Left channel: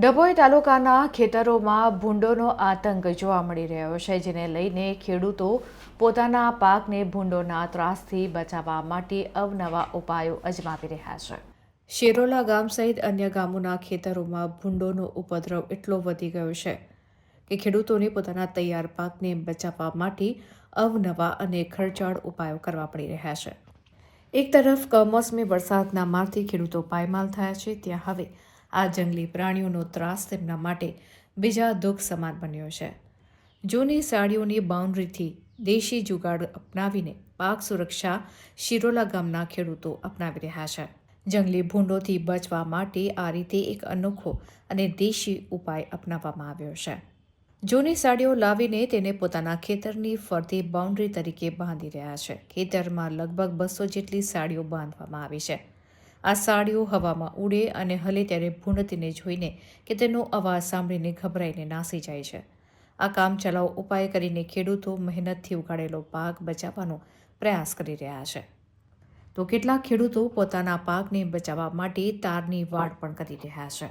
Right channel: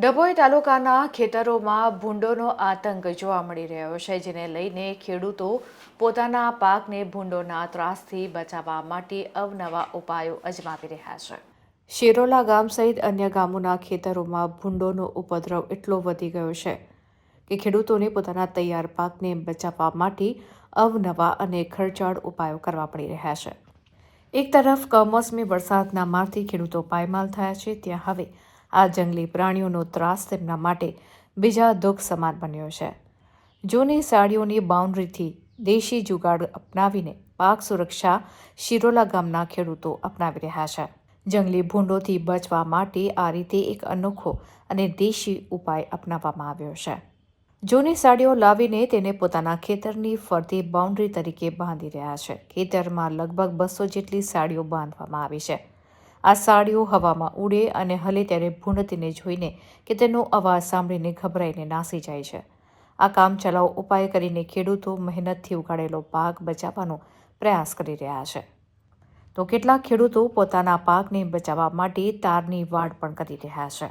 ડભોઈ તાલુકાના ખેતરોમાં ભૂંડોનો આતંક જોવા મળી રહ્યો છે, જેને લઈને ખેડૂતો પોતાના પાકને ભૂંડોના ત્રાસથી બચાવવા માટે અવનવા ઉપાયો અજમાવી રહ્યા છે. શિરોલા ગામ સહિત અન્ય ગામોના ખેતરોમાં ભૂંડોનો ઉપદ્રવ એટલો વધી ગયો છે કે ખેડૂતોને પોતાના તૈયાર પાકને બચાવવા માટે અવનવા અને ખર્ચાળ ઉપાયો કરવા પડી રહ્યા છે. એક તરફ કમોસમી વરસાદના મારથી ખેડૂતો પાયમાલ થયા છે, ત્યાં હવે આ જંગલી પ્રાણીઓનો ત્રાસ તેમના માટે બીજા દુઃખ સમાન બન્યો છે. જૂની સાડીઓની બાઉન્ડ્રીથી દેશી જુગાડ અપનાવીને પાક સુરક્ષા શિરોલા ગામના ખેડૂતો અપનાવી રહ્યા છે. જંગલી ભૂંડોથી બચવા માટે આ રીતે એક અનોખો અને દેશી ઉપાય અપનાવવામાં આવ્યો છે. જૂની સાડીઓ લાવીને તેને પોતાના ખેતરની ફરતી બાઉન્ડ્રી તરીકે બાંધી રહ્યા છે. ખેતરમાં લગભગ 200 જેટલી સાડીઓ બાંધવામાં આવી છે. આ સાડીઓ હવામાં ઉડે અને હલે ત્યારે ભૂંડ તેને જોઈને કે તેનો અવાજ સાંભળીને ગભરાઈને નાસી જાય છે. આ કામચલાઉ ઉપાય કરીને ખેડૂતો મહેનતથી ઉગાડેલો પાક બચાવવાનો પ્રયાસ કરી રહ્યા છે. તો કેટલાક ખેડૂતો પોતાના પાકને બચાવવા માટે તારની વાડ પણ કરી રહ્યા છે.